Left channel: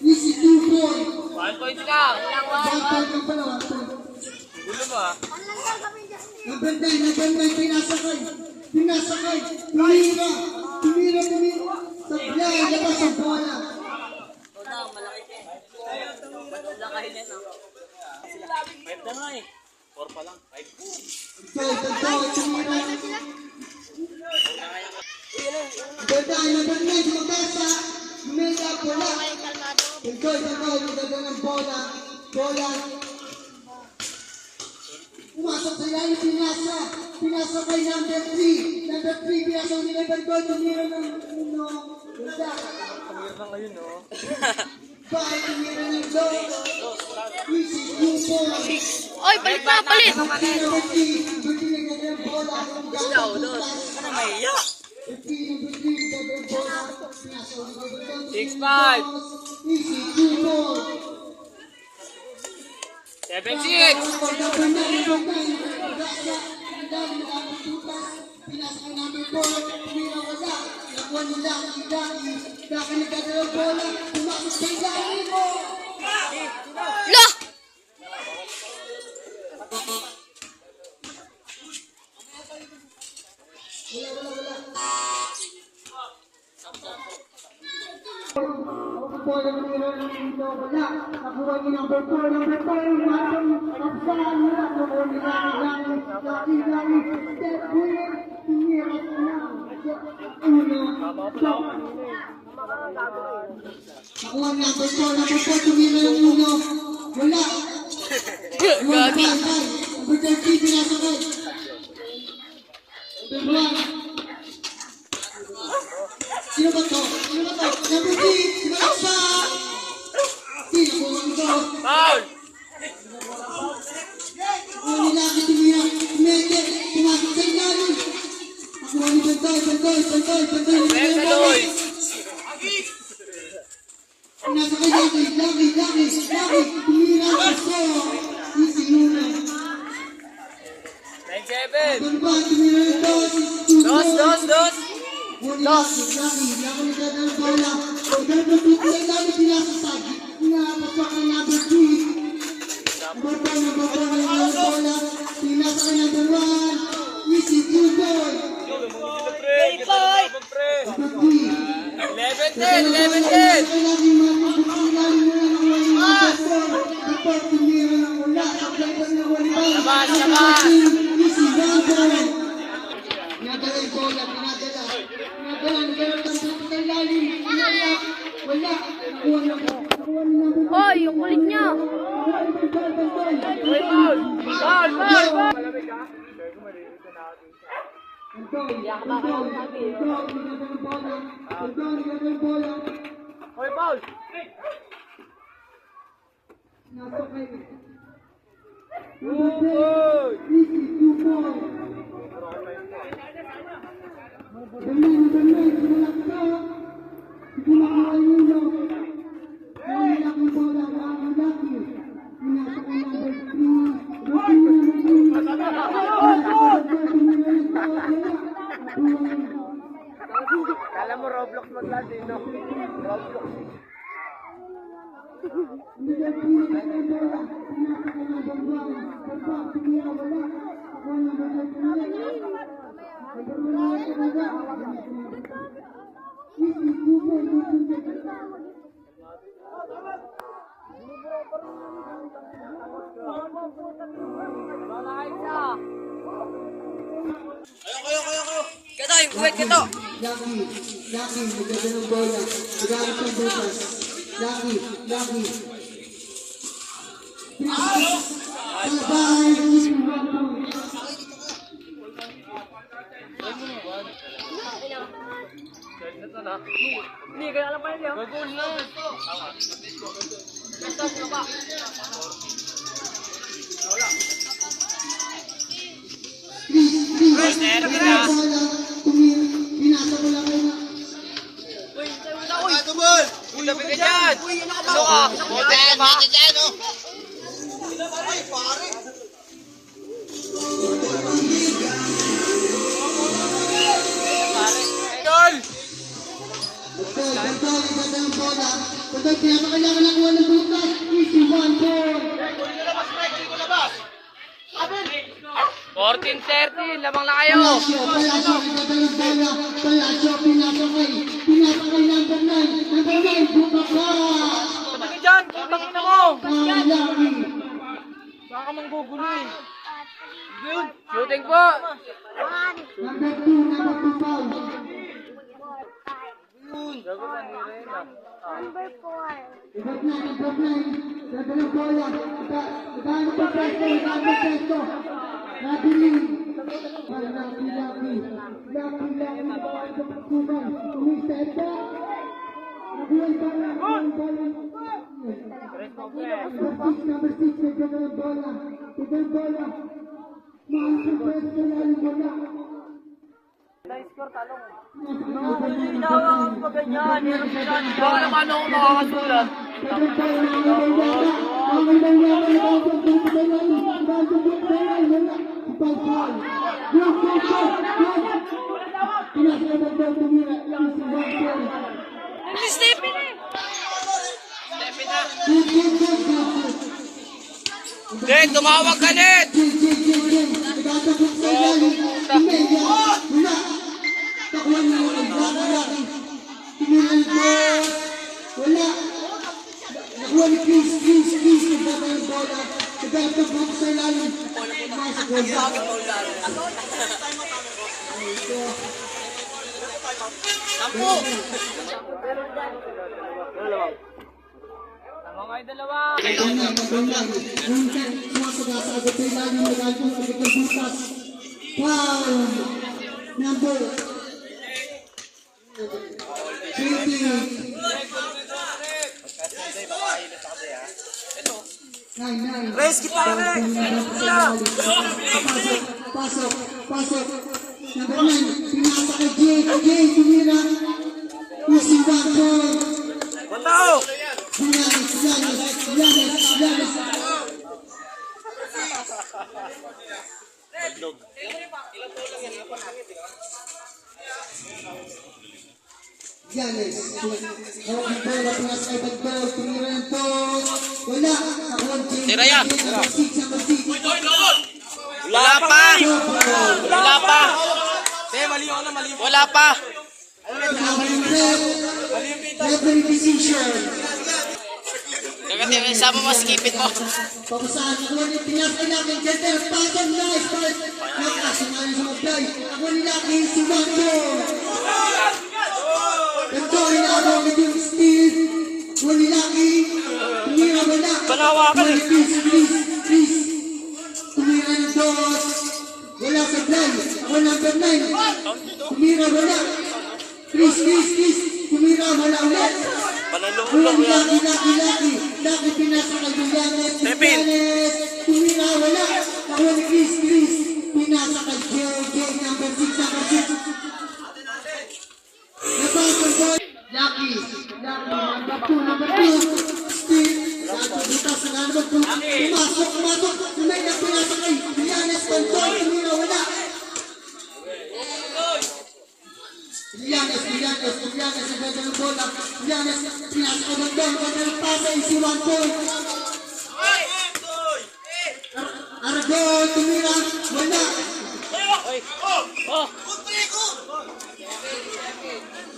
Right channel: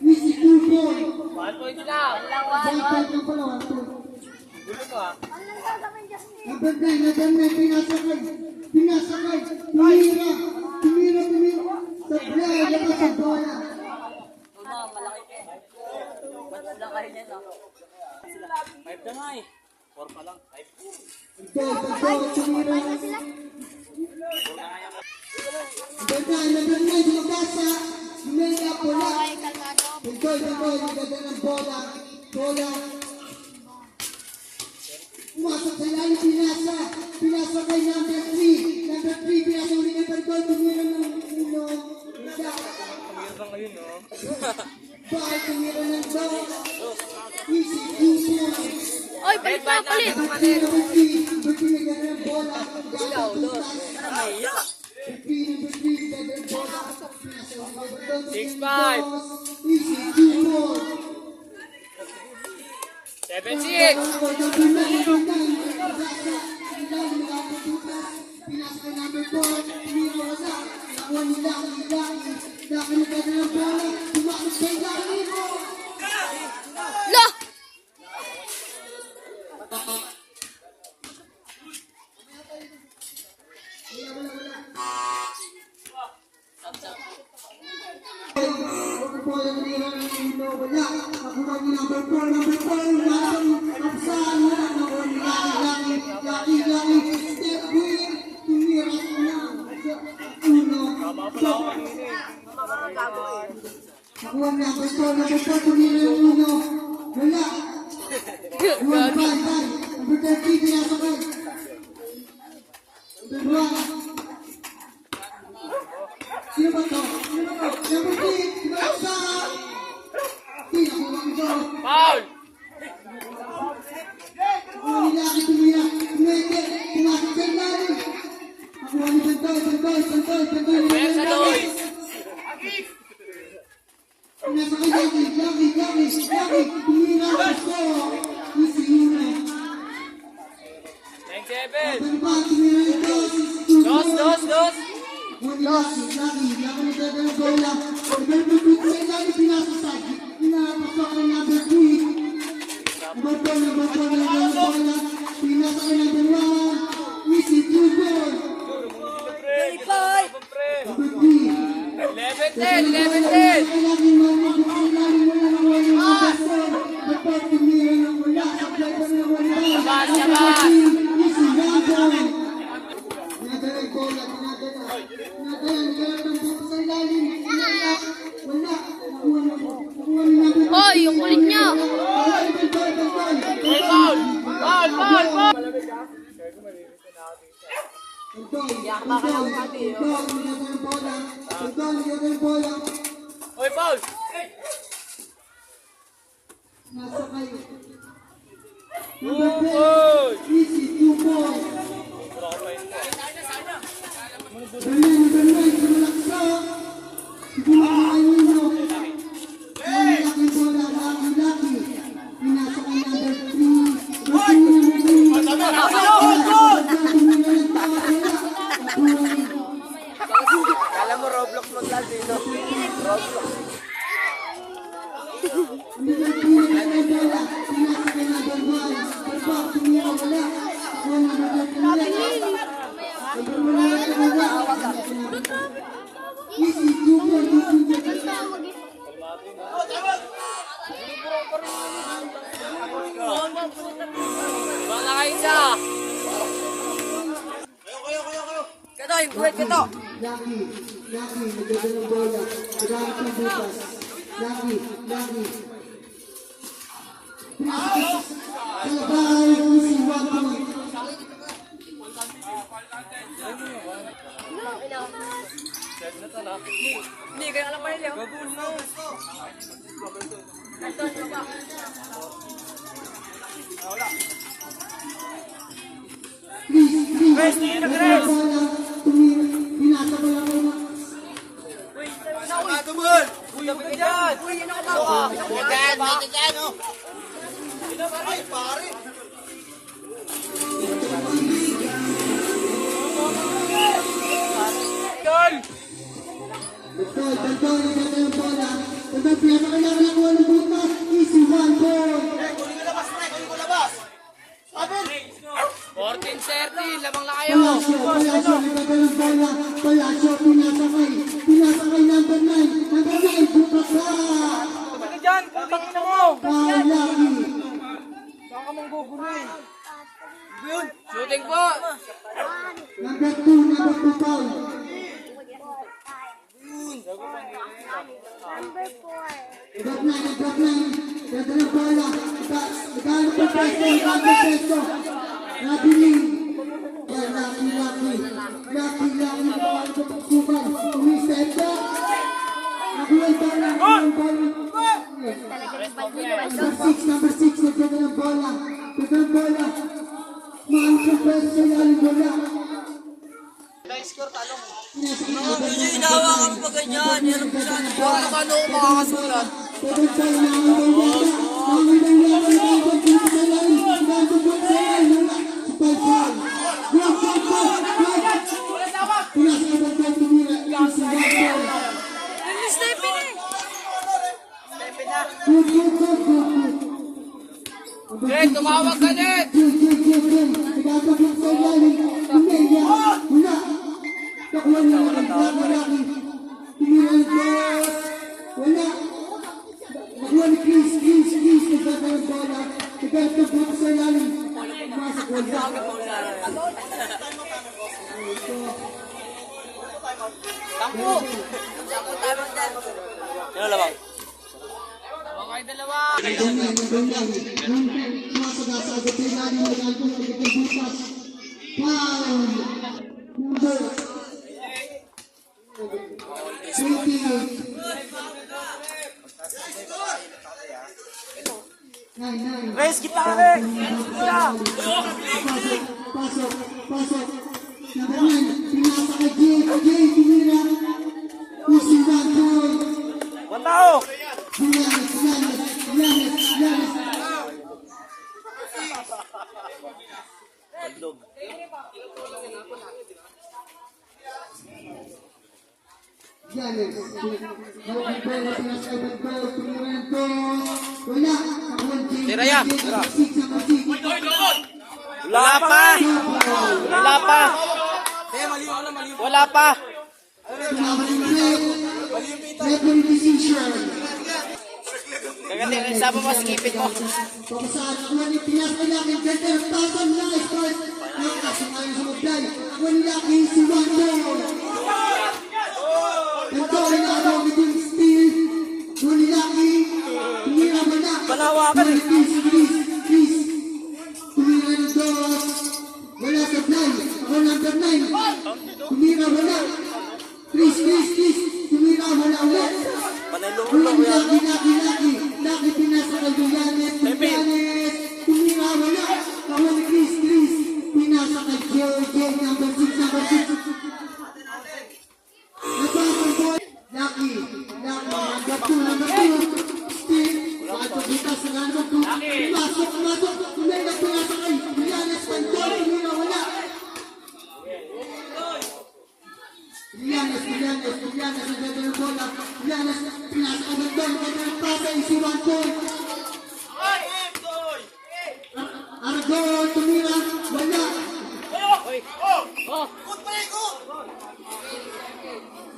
Easy 2 point. 1 point lang. 1 point lang pala, 1 point. Gulo ba? Number 9, pinasakay. Tumira. Sablay, labas ang bola. Five na nga eh. 4 pa lang. 5. Tagdoy, tumira. Number 9, lumabasa. Tumira, bola. Tagdoy, nagdagang ang bola. Pumasok sa ilalim, pinasa kay number 3. Number 3, pinasa ni number 5. Tumira ng Bakit tumira ng dos? Easy 2 points. Oy, balik na, palit! Number 3, nagdagang ang bola. Ano may iyak? 6-5. Easy 2 points. 7-6. Lah! Gagi. Sino ba to? Number 3, si Alexa! Sino ba ito? Foul! Ang nilaki tumira, tumete, pumasok sa ilalim. Nakuha ni Pantoy. Nasa kay Lucky, tumira sa sayo. Easy muna. 9-7. Ano ba, tumira yung dos. Dos. Lucky, nagdadang bola. Nagdadang sa ilalim, pinasasag. Pinapasok kay number 3. Number 4 na yung bola. Pinasa kay number 1. Easy 2 boy. Number 3. 11-10. Oy, yung kulit niya! Foul! Hoy, foul! Nasa kayo. Good! Easy 2 points. Bernay, sumalaksa. Siguro kayo nyo. Lucky bola, Lucky. Pinasa kay number 3. Kala mo Roblox maglaro no? Roblox. Wala kayo siya. Kayo. Katoy, buwet ka to. Lucky, maganda ng bola. Magamit ng butas. Lucky. Bye-bye, easy 1 point. Hindi, kaya alam pa rin yun. Pinasa ko lang muna. Tabi ka dyan! Ano ka? Dyan, medyo dyan, oh! Pare! Dyan! Baldoy, ganda ng bola. Baldoy, pinapakailangan ng kuha ng butas. Easy, 1-4. 14-30, labang na kayo. Palacio, ganda ng bola. Palacio, pinasakay. Pinasakay number 9. Number 9, buka pa. Lucky. Shooting po. Number 2 foul. Drop 9. Ganda ng bola. Magkano pa pesto? Nabiling. Yan, Lucky. Magkano pa pagkuman. Umistep pa. Nabuhay pa lang. Number 6. Ganda ng bola. Mahal sa pesto yan. Bola. Hinahawakan pa ganyan. Hirap ko saan dyan. Ano ako makakasulat? Jen, tumawag ka net! Wala. Nakuha ni Chris. Nagbaba yung bola. Nagkakabuk sa ilalim. Masok wala. Labang kayo dalawa. Sumasagasagod sa ilalim. Nagkakabuk sa butas. Foul. Number 20. Race kita, Rex! Pasok. Number 9, pinasa kay Jay, tumira. Easy 1-4. Matao! Yanis. Yanis. Hawak ang bola, pinasa kay Bagdol, tumira ng post. Wala. Tira yan. Number 6. Wala pa! Referee decision. Kagati, sama mo, skipin mo. Papasahan ako lang yung tinapay namin. Ganda, pasang nice. Nakakasumayan sa mablay. Ako nila si Wando. Nagkawin na ako with yung steal. Ako nila tumira mo na. Banawa ka rin. Please. Tumira ng dos. Wala sa blay. Ako number 9. Tumira mo na. Please. Tumira mo na ulit. Laki pinasa kay Yanis. Tumira wala. Kawan ni Chris. Pinasa kay Jay. Number 6. Napasang boy. Laki. Number 2. Steve. Butas na number 2. Pumasok. Tumay na pinasa kay Yanis. Tumira wala. Yanis, ang ganda ng bola. Yanis, pinasa ka ng doon. Ganda ng pasa, easy 1-4. Aragon, tumira. Wala.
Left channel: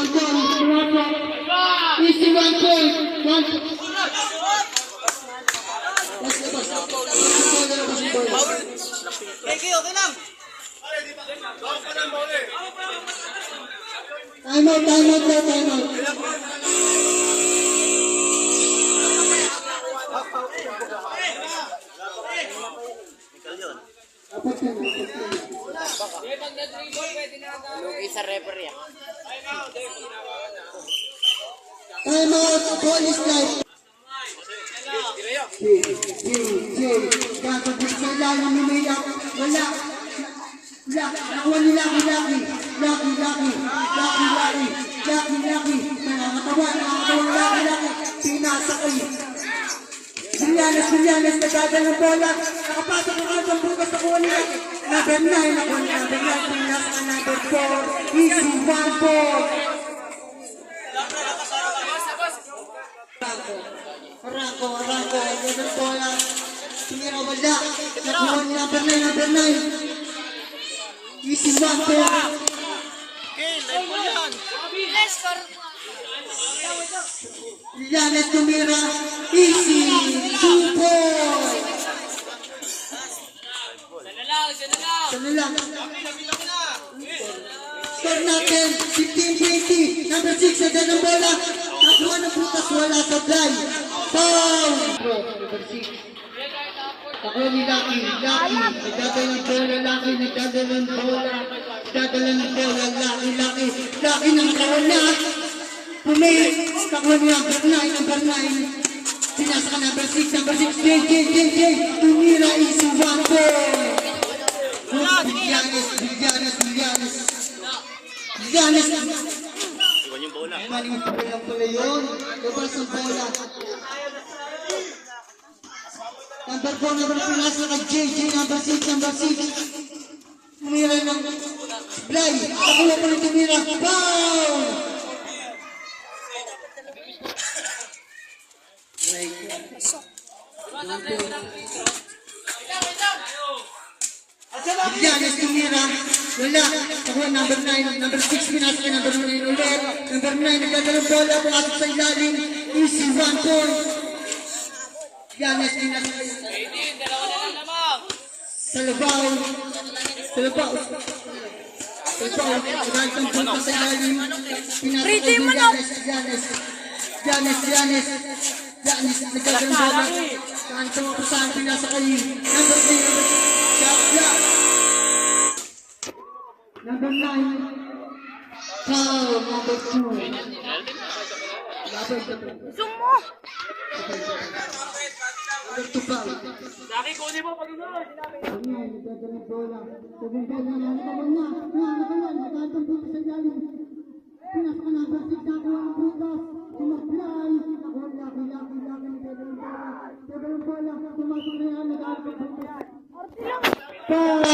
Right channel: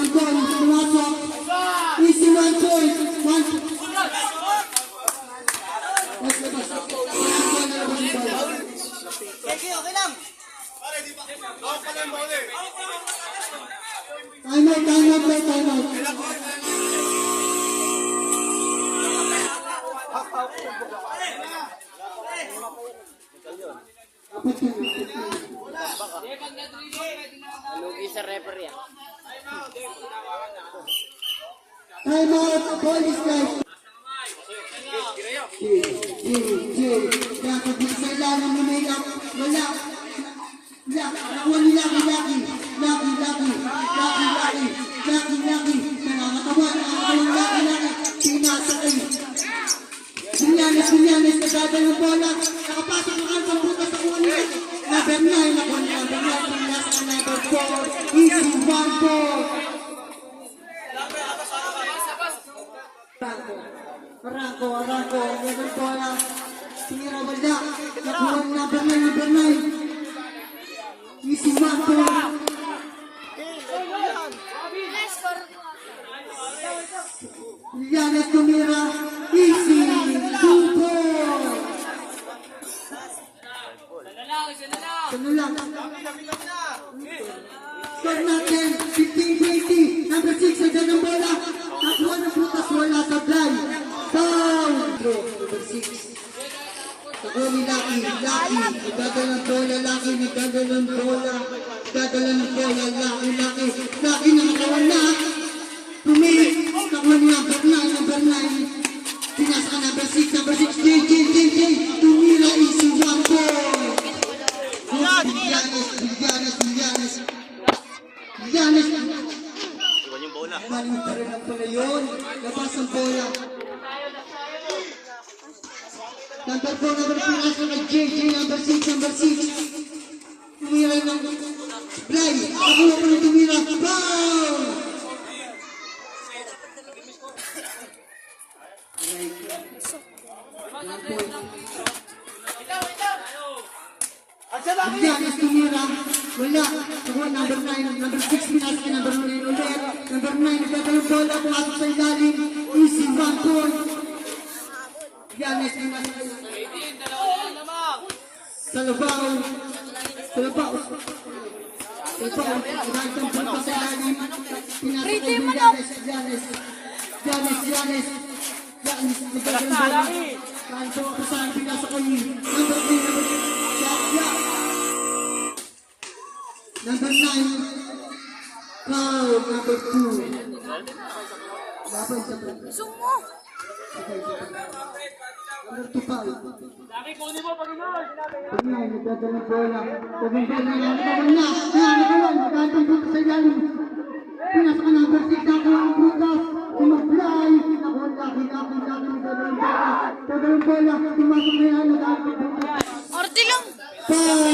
Aragon, pumasok. Easy 1-4. Okay lang. Time out. Lugi sa referee. Time out. Ball is live. Jay. Kakabit sa ilalim ng may lock. Wala. Nakuha ni Lucky. Nangangatawan. Lucky. Pinasakay. Brianes, nagdada ng bola. Nakapasok ang alpang bukas na kuha niya. Number 9. Pinasa ka number 4. Easy 1-4. Tumira wala. Nakuha ni number 9. Easy 1 point. Janet tumira. Easy 2 point. Sana lang. Score natin, 15-20. Number 6, agad ng bola. Nakuha ng butas, wala sa fly. Foul! Bro, number 6. Nakuha ni Lucky. Nagdadala ng bola, Lucky. Nagdadala ng bola. Lucky na nakuha na. Pumis. Nakuha ni number 9. Sinasa ka number 6. JJ. Tumira, easy 1 point. Giannis. Maling pa lang pala yun. Labas ang bola. Number 4, number 3, nasa na JJ, number 6. Tumira ng supply. Nakuha pa rin tumira. Foul! Giannis tumira. Wala. Ako number 9. Number 6 pinasa ka. Number 9 ulit. Number 9 nagdadalang bola. Pumasok sa ilalim. Easy 1 point. Giannis pinasa ka. Talabaw. Nagdadalang bola sa ilalim. Pinasa ka din Giannis. Nagdadalang bola. Kanto pasahan pinasa ka yun. Number 8. Number 9, foul. Number 2. Zoom mo! Number 2 foul. Laki, kunin mo pag inon. Nagdadalang bola. Nagdadalang butas sa ilalim. Pinasa ka number 6. Nakuha ang butas. Tumag-fly. Nakuha Lucky. Nagdadalang bola. Pumasok na yan. Nagdadalang butas. Arte lang! Foul.